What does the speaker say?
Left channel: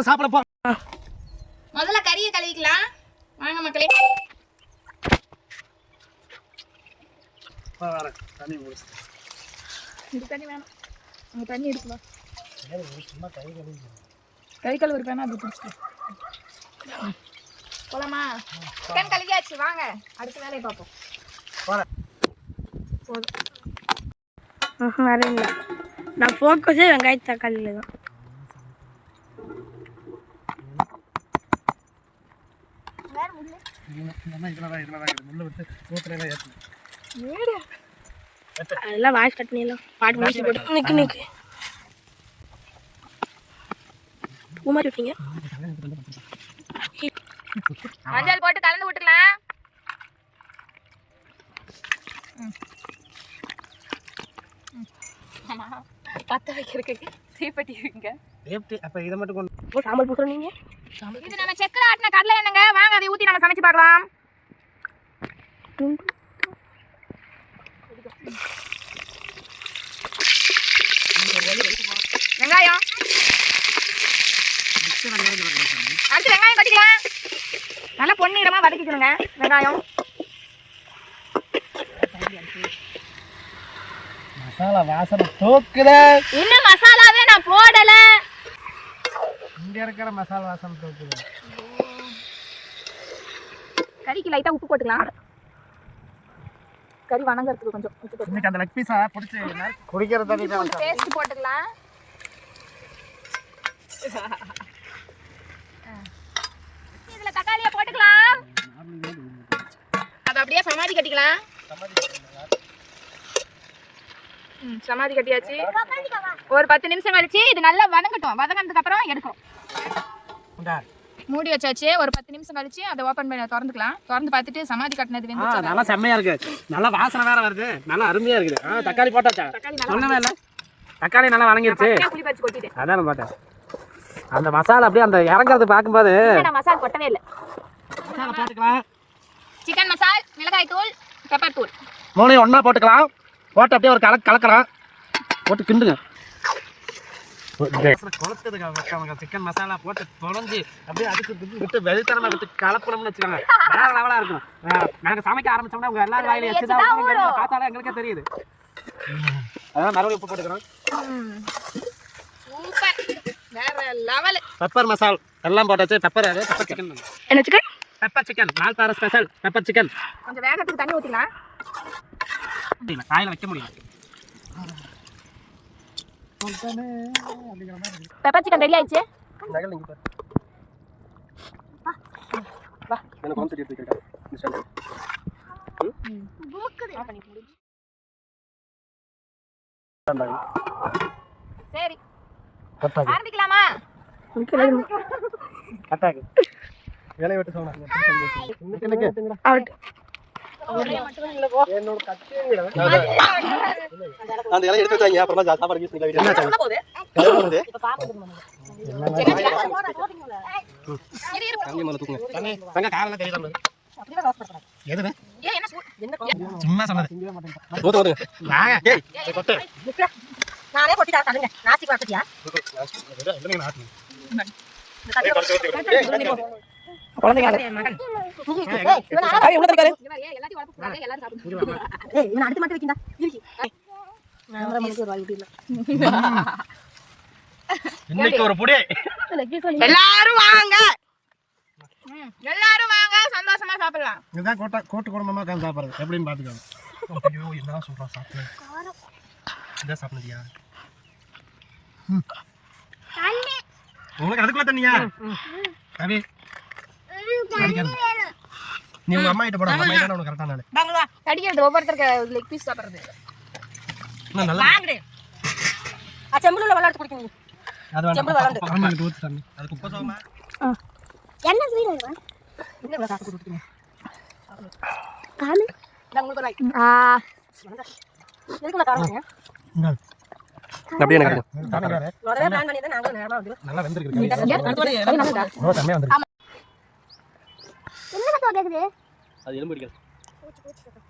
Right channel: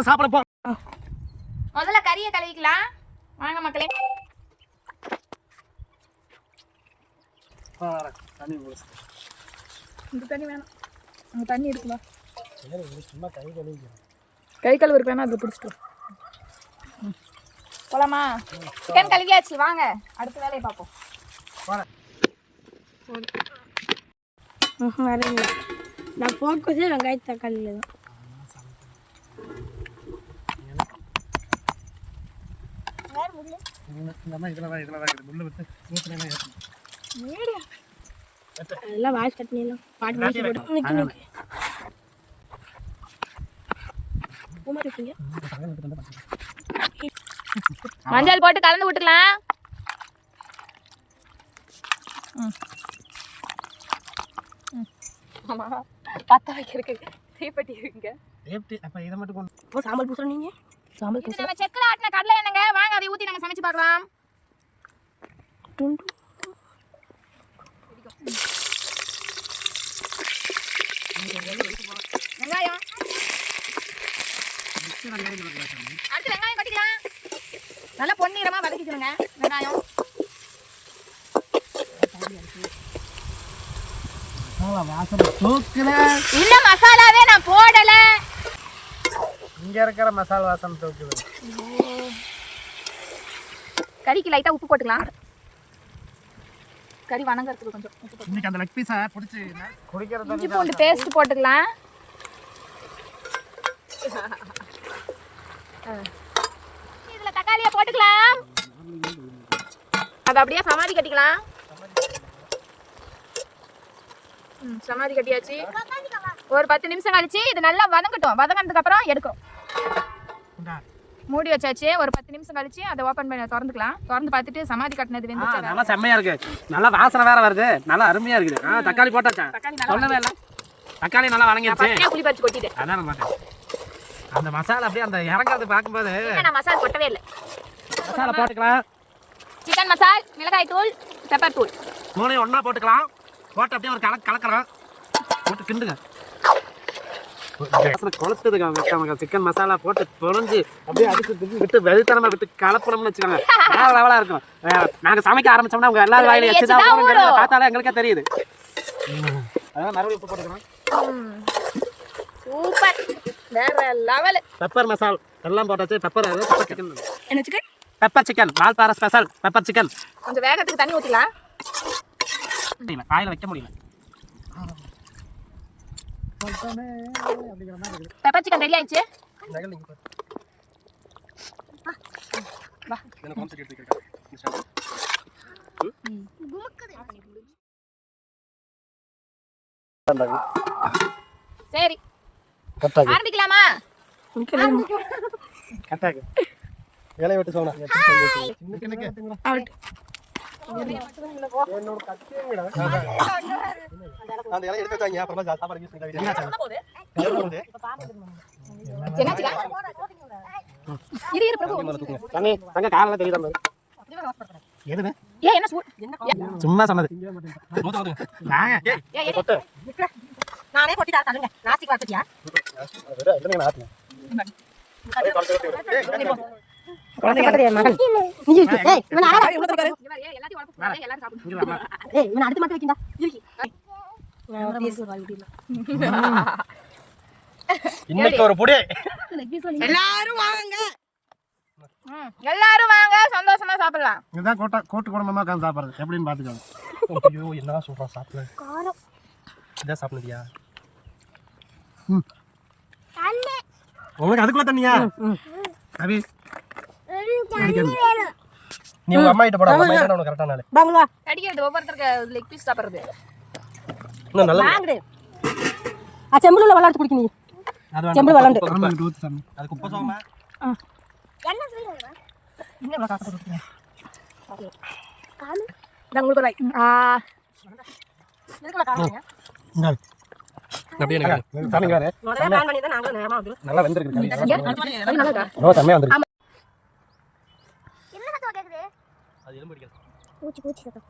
வாமா சாப்பிட போ. முதல்ல கறியை கழுவிக்கலாம் வாங்க மக்களே. தண்ணி இந்த தண்ணி வேணாம், அங்கே தண்ணி இருக்குமா? சும்மா கை கழுவு இருப்பேன்னா அதை பிடிச்சிட்டு போலாமா? சிக்கன் கழுவியாச்சு, வாங்க அடுத்த வேலையை பார்ப்போம். வேற இல்லை, நான் ஃபோக்கஸே வெங்காய தக்காளியில் தான். அதெல்லாம் வாய்ஸ் கட்டினீங்களா பாட்டு முடிச்சு போட்டு நிற்கு நிற்கு பூமாரி விட்டீங்க. மஞ்சள் போட்டு கலந்து விட்டுக்கலாம். ஆமா பத்த வைக்கிறதுக்கு தீப்பெட்டி இருக்குங்க. அப்ப இதை மட்டும் கொண்டு சாம்பல் பூசுறோம். நீங்க இது நம்ம செக்குல ஆட்டின கடலை என்னங்க, வாங்க அதை ஊற்றி நம்ம சமைச்சு பார்க்கலாம். வெங்காயம் அடுத்து வெங்காயம் கட்டிக்கலாம். நல்லா பொன்னிறமா வதக்கிக்கணுங்க வெங்காயம். மசாலா வாசனை தூக்குதே. இன்னும் மசாலாவே நான் போடல. இங்க இருக்கிற மசாலா வாசனை தூக்குது. கறிக்கு லைட்டா உப்பு போட்டுக்கலாம். கறி வணங்கறதுக்கு கொஞ்சம் உப்பு போட்டு இன்னைக்கு அந்த லெக் பீஸா புடிச்சு குடிக்கிற தண்ணி கொஞ்சம் பேஸ்ட் போட்டுக்கலாம். இதுல தக்காளியை போட்டுக்கலாம். அதை அப்படியே சமாதி கட்டிக்கலாம். சமாதி கட்டியாச்சு. ஒரு 10 நிமிஷம் கழிச்சு இது நல்லா வதங்கட்டும். வதங்கினதுக்கு அப்புறம் எடுக்கும். மூடி வச்சாச்சு. ஒரு 10 நிமிஷம் கழிச்சு அதை ஓபன் பண்ணி திறந்துக்கலாம். திறந்து பார்த்துட்டு சமாதி கட்டினது வெந்துச்சு. நல்லா செம்மையா இருக்கு. நல்லா வாசனை வேற வருது. நல்லா அருமையா இருக்குது. தக்காளி போட்டாச்சா? சொல்லவே இல்லை. தக்காளி நல்லா வணங்கிருச்சு. புளி பறிச்சு கொட்டிட்டேன். அதான் பார்த்தேன். அந்த மசாலா அப்படியே அந்த இறங்குறது பார்க்கும்போது நான் மசாலா கொட்டவே இல்லை. மசாலா போட்டுக்கலாம். சிக்கன் மசால், மிளகாய் தூள், பெப்பர் தூள் மூணையும் ஒன்றா போட்டுக்கலாம். போட்டு அப்படியே ஒரு கலக்கலாம். போட்டு கிண்டுங்க. கொளுத்துதுங்க. சிக்கன் மசாலா போட்டு பொழிஞ்சு அப்படியே அதுக்கு விட்டு வெறித்தனமாக விட்டு கலப்பணும்னு வச்சுக்கோங்க. லெவலாக இருக்கும். நாங்கள் சமைக்க ஆரம்பிச்சோம்னா உங்கள் எல்லாரும் வாயில வச்சுதான் போகிறோங்கிறத பார்த்தாலே எங்களுக்கே தெரியுது. அதான் மறுபடியும் உப்பு போட்டுக்கிறோம். சூப்பர், வேற லெவல். பெப்பர் மசால் எல்லாம் போட்டாச்சு. Pepper chicken. என்ன சிக்கன்? Pepper chicken. மால்பாறை ஸ்பெஷல் பெப்பர் சிக்கன். கொஞ்சம் வேகத்துக்கு தண்ணி ஊற்றிக்கலாம். காயில வைக்க முடியல. பெப்பர் சிக்கன் ரெடி ஆயிடுச்சு. சரி ஆரம்பிக்கலாமா? கட்டாக்கு வேலையை விட்டு சொன்னா அந்த இலை எடுத்து வச்சாங்க. அப்புறமா சாப்பாடு யூஸ் பண்ணிக்கலாம். சும்மா சொன்னது நானே கொட்டி தரேன். நாஸ்தி பார்த்துட்டியா? இன்னைக்கு ஒரு புடி. எல்லாரும் வாங்க, எல்லாரும் வாங்க, சந்தோஷமா சாப்பிடலாம். இதுதான் கூட்டு குடும்பமா உட்காந்து சாப்பிடுறது எப்படின்னு பாத்துக்கோங்க. ஐயோ என்ன சொல்றோம் சாப்பிடு. இதான் சாப்பிடுறியா? உங்களுக்கு அதுக்குள்ள தண்ணியா? அபி நீ அம்மா கிட்ட போடா. உனக்கு கரெக்டா நாளே பங்களா கடிக்கிறது ஒவ்வொருத்தருக்கு லெக் பீஸ் சாப்பிடுறது. வாங்குடே. செம்புல விளையாட்டு குடிக்க நீ. அது செம்புல விளையாட்டு அம்மா கிட்ட ஊத்து தண்ணி. அது குப்பை சோமா. என்ன வீடியோ இங்க வா காக்க குடிங்க. காமி நான் உங்களுக்கு லைக் எதுக்கு நான் தரேன்? அப்படியே எனக்கு காமிங்க. முதல்ல பிளான் பண்ணி தான் நாங்க நேரமா வந்து நல்லா வெந்திருக்கு கறி. கறி நல்லா இருக்கா? தண்ணியா வந்திருக்கு. என்ன சத்தம் கேக்குது? அது எலும்பு அடிக்குது. பூச்சி சத்தம்.